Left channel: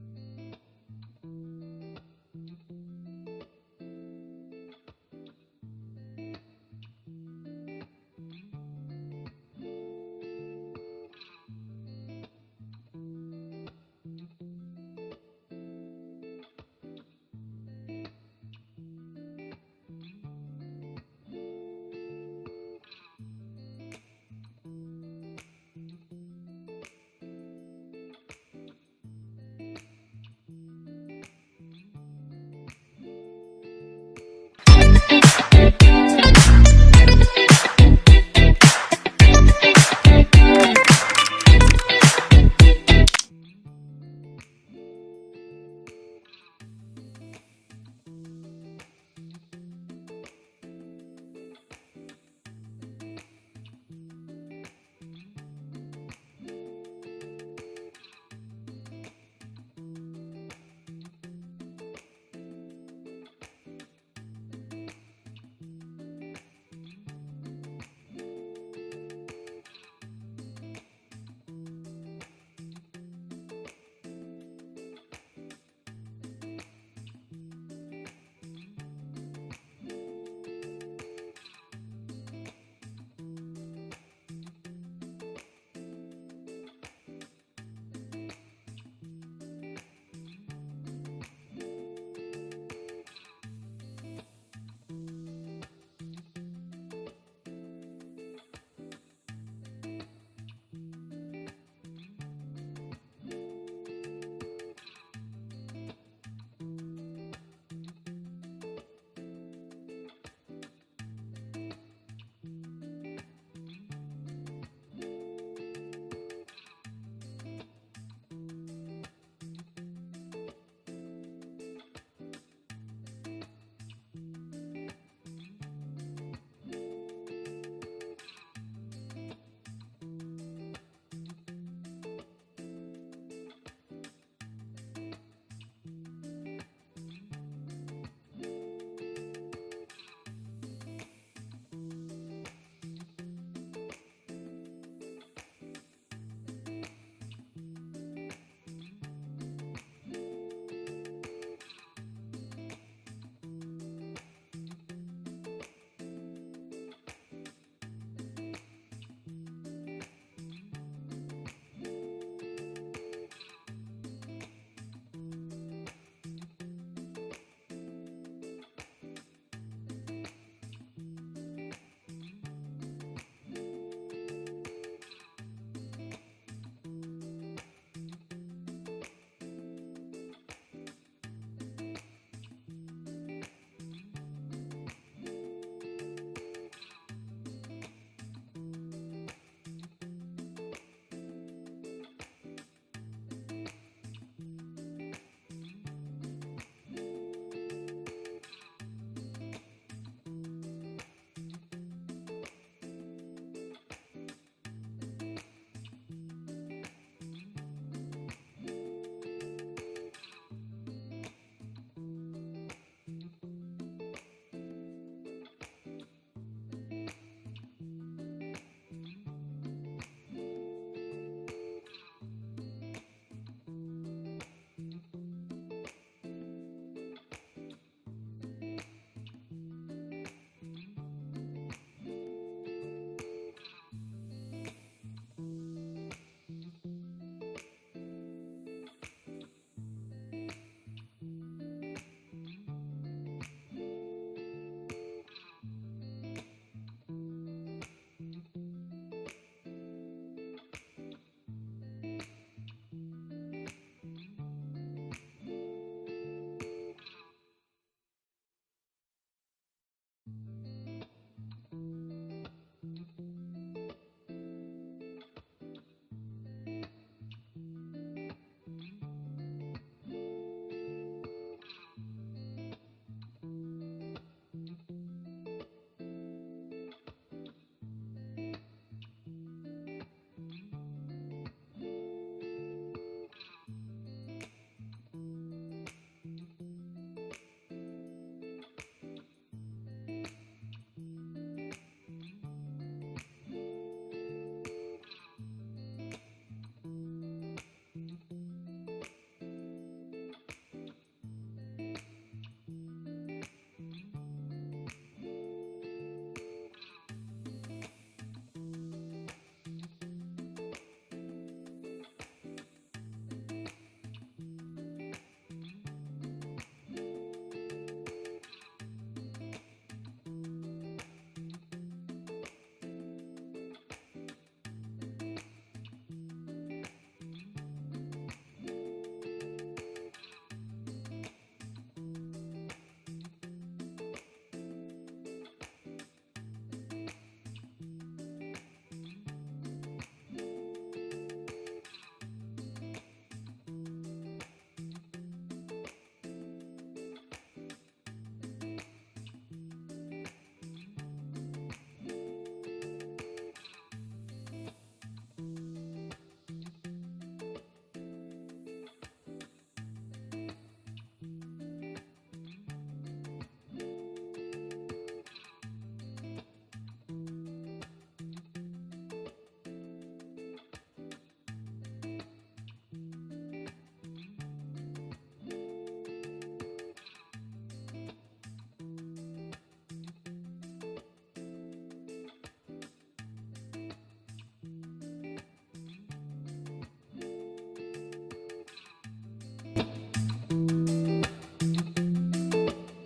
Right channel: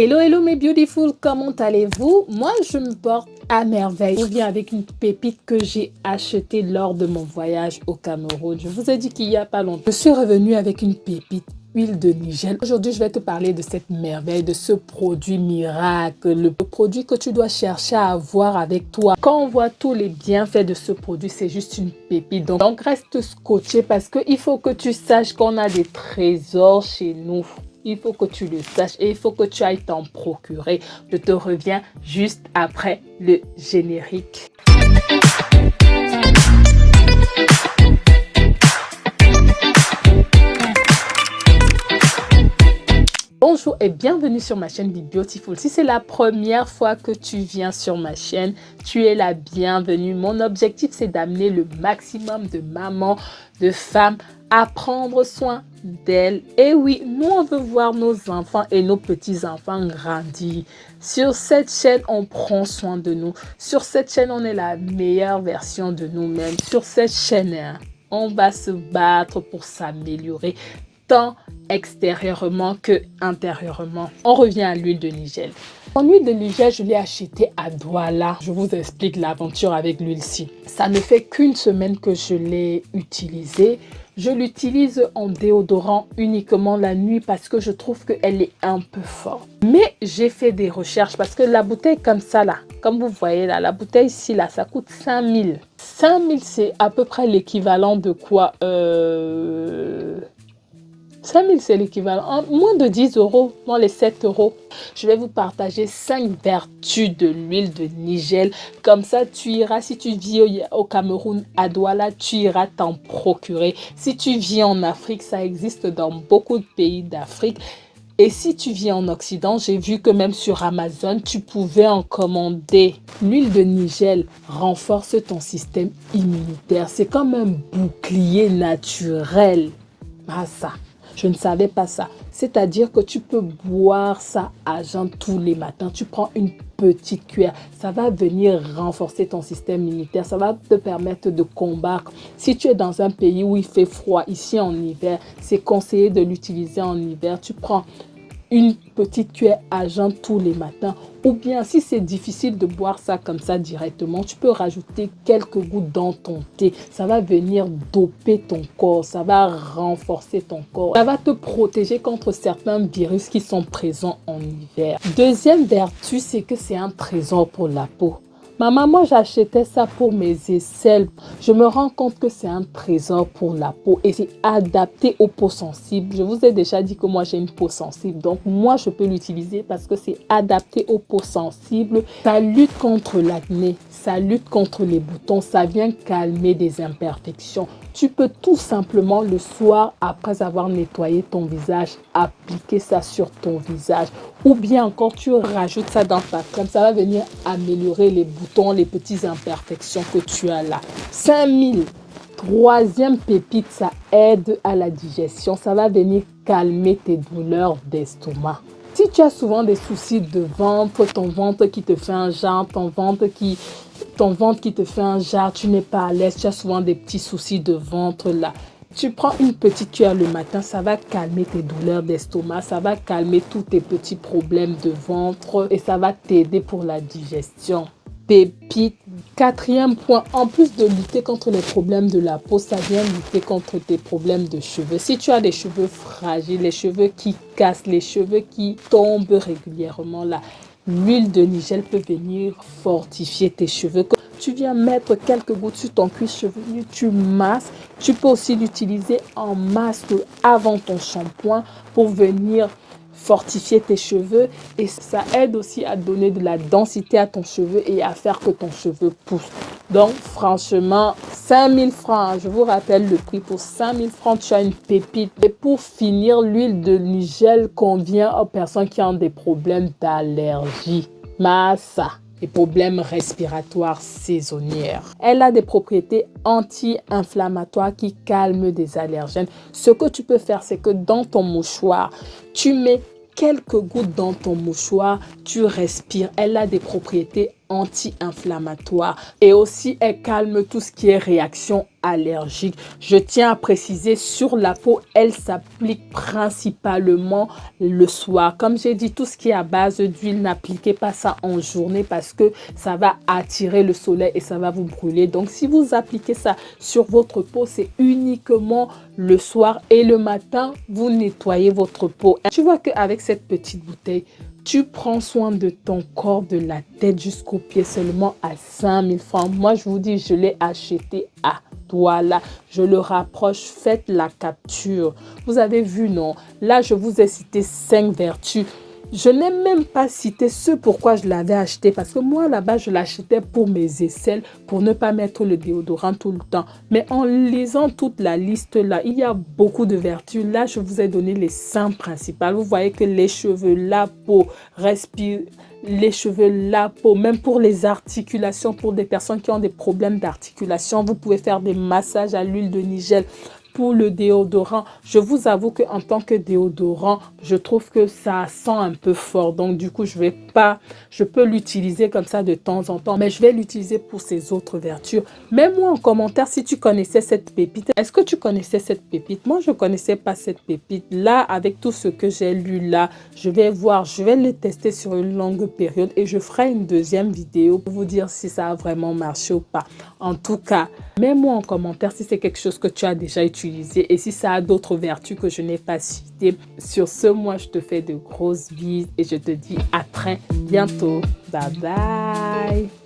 Hello, hello mes beautiful, comment allez-vous? Moi, je me porte à merveille. Je viens avec une pépite que j'ai achetée lors de mon voyage au Cameroun. Je vous ai dit qu'il n'y a pas longtemps. Je suis revenue avec une pépite, huile de Nigel. Aujourd'hui, je vais te parler de cette merveille, de ce produit miracle, le produit que tu dois chercher à avoir avec toi. Quand on voit tous les bienfaits de ce produit, c'est juste une pépite. Donc reste scotché parce qu'il faut que tu saches qu'on a des trésors chez nous. Il faut que tu le saches et il faut que tu ailles t'en procurer. Je te reviens juste après le générique. Bonjour et bienvenue sur ma chaîne Be Beautiful. Si c'est la première fois que tu viens sur ma chaîne, tu es la bienvenue. Mon objectif, c'est d'amener le maximum de mamans, de femmes à prendre soin d'elles. Et oui, nous, on veut voir nos enfants et nos petits-enfants grandir. Sur cette chaîne, on prend soin de nous. Sur cette chaîne, on est la meilleure version de nous-mêmes. Sur cette chaîne, on va se battre pour s'améliorer, tant extérieurement que intérieurement. On revient à l'huile de Nigel. Mon huile de Nigel, je l'ai achetée à Douala. Je vous explique l'aventure avec l'huile-ci. Ça ne fait qu'une semaine que je l'ai utilisée. Je l'utilise en déodorant uniquement la nuit parce que je trouve qu'elle est un peu forte. Mais j'ai fait des recherches parce que la bouteille comme ça là, comme vous voyez là, la bouteille ici là, ça coûte 5000. 5000, c'est à peu près l'équivalent de quoi 5000, c'est l'équivalent, moins de 10 €, dans les 7 €. Je vais vous partager 5 vertus de l'huile de Nigel. Comme ça, tu iras, si tu vis au Cameroun, à Douala, tu iras t'en procurer. Si tu vis en Afrique, ça existe dans beaucoup de pays d'Afrique. Et si tu vis en Occident, j'ai vu que même sur Amazon, tu pouvais en commander. L'huile de Nigel renforce ton système immunitaire. C'est comme un bouclier naturel. Ah ça, je ne savais pas ça. C'est-à-dire que tu peux boire ça à jeun tous les matins. Tu prends une petite cuillère. Ça va venir renforcer ton système immunitaire. Ça va te permettre de combattre. Si tu es dans un pays où il fait froid, ici en hiver, c'est conseillé de l'utiliser en hiver. Tu prends une petite cuillère à jeun tous les matins. Ou bien, si c'est difficile de boire ça comme ça directement, tu peux rajouter quelques gouttes dans ton thé. Ça va venir doper ton corps, ça va renforcer ton corps. Ça va te protéger contre certains virus qui sont présents en hiver. Deuxième vertu, c'est que c'est un trésor pour la peau. Ma maman, j'achetais ça pour mes aisselles. Je me rends compte que c'est un trésor pour la peau et c'est adapté aux peaux sensibles. Je vous ai déjà dit que moi, j'ai une peau sensible. Donc, moi, je peux l'utiliser parce que c'est adapté aux peaux sensibles. Ça lutte contre l'acné, ça lutte contre les boutons, ça vient calmer des imperfections. Tu peux tout simplement le soir, après avoir nettoyé ton visage, appliquer ça sur ton visage. Ou bien encore, tu rajoutes ça dans ta crème. Ça va venir améliorer les boutons, les petites imperfections que tu as là. 5000. Troisième pépite, ça aide à la digestion. Ça va venir calmer tes douleurs d'estomac. Si tu as souvent des soucis de ventre, ton ventre qui te fait un jar, ton ventre qui te fait un jar, tu n'es pas à l'aise, tu as souvent des petits soucis de ventre là. Tu prends une petite cuillère le matin, ça va calmer tes douleurs d'estomac, ça va calmer tous tes petits problèmes de ventre et ça va t'aider pour la digestion. Pépite. Quatrième point, en plus de lutter contre les problèmes de la peau, ça vient lutter contre tes problèmes de cheveux. Si tu as des cheveux fragiles, les cheveux qui cassent, les cheveux qui tombent régulièrement là, l'huile de Nigel peut venir fortifier tes cheveux. Tu viens mettre quelques gouttes sur ton cuir chevelu, tu masses. Tu peux aussi l'utiliser en masque avant ton shampoing pour venir fortifier tes cheveux et ça aide aussi à donner de la densité à ton cheveu et à faire que ton cheveu pousse. Donc franchement, 5000 francs, je vous rappelle le prix, pour 5000 francs, tu as une pépite. Et pour finir, l'huile de Nigel convient aux personnes qui ont des problèmes d'allergie. Massa. Les problèmes respiratoires saisonnières. Elle a des propriétés anti-inflammatoires qui calment des allergènes. Ce que tu peux faire, c'est que dans ton mouchoir, tu mets quelques gouttes dans ton mouchoir, tu respires. Elle a des propriétés anti-inflammatoire et aussi elle calme tout ce qui est réaction allergique. Je tiens à préciser, sur la peau, elle s'applique principalement le soir. Comme j'ai dit, tout ce qui est à base d'huile, n'appliquez pas ça en journée parce que ça va attirer le soleil et ça va vous brûler. Donc si vous appliquez ça sur votre peau, c'est uniquement le soir et le matin, vous nettoyez votre peau. Tu vois qu'avec cette petite bouteille, tu prends soin de ton corps, de la tête jusqu'aux pieds seulement à 5000 francs. Moi, je vous dis, je l'ai acheté à Douala. Je le rapproche, faites la capture. Vous avez vu, non? Là, je vous ai cité 5 vertus. Je n'ai même pas cité ce pourquoi je l'avais acheté parce que moi, là-bas, je l'achetais pour mes aisselles, pour ne pas mettre le déodorant tout le temps. Mais en lisant toute la liste là, il y a beaucoup de vertus. Là, je vous ai donné les 5 principales. Vous voyez que les cheveux, la peau, respire, les cheveux, la peau, même pour les articulations, pour des personnes qui ont des problèmes d'articulation, vous pouvez faire des massages à l'huile de nigel. Pour le déodorant, je vous avoue qu'en tant que déodorant, je trouve que ça sent un peu fort. Donc, du coup, je peux l'utiliser comme ça de temps en temps, mais je vais l'utiliser pour ses autres vertus. Mets-moi en commentaire si tu connaissais cette pépite. Est-ce que tu connaissais cette pépite? Moi, je ne connaissais pas cette pépite. Là, avec tout ce que j'ai lu là, je vais le tester sur une longue période et je ferai une deuxième vidéo pour vous dire si ça a vraiment marché ou pas. En tout cas, mets-moi en commentaire si c'est quelque chose que tu as déjà utilisé et si ça a d'autres vertus que je n'ai pas citées. Sur ce, moi, je te fais de grosses bises et je te dis à très bientôt. Bye bye.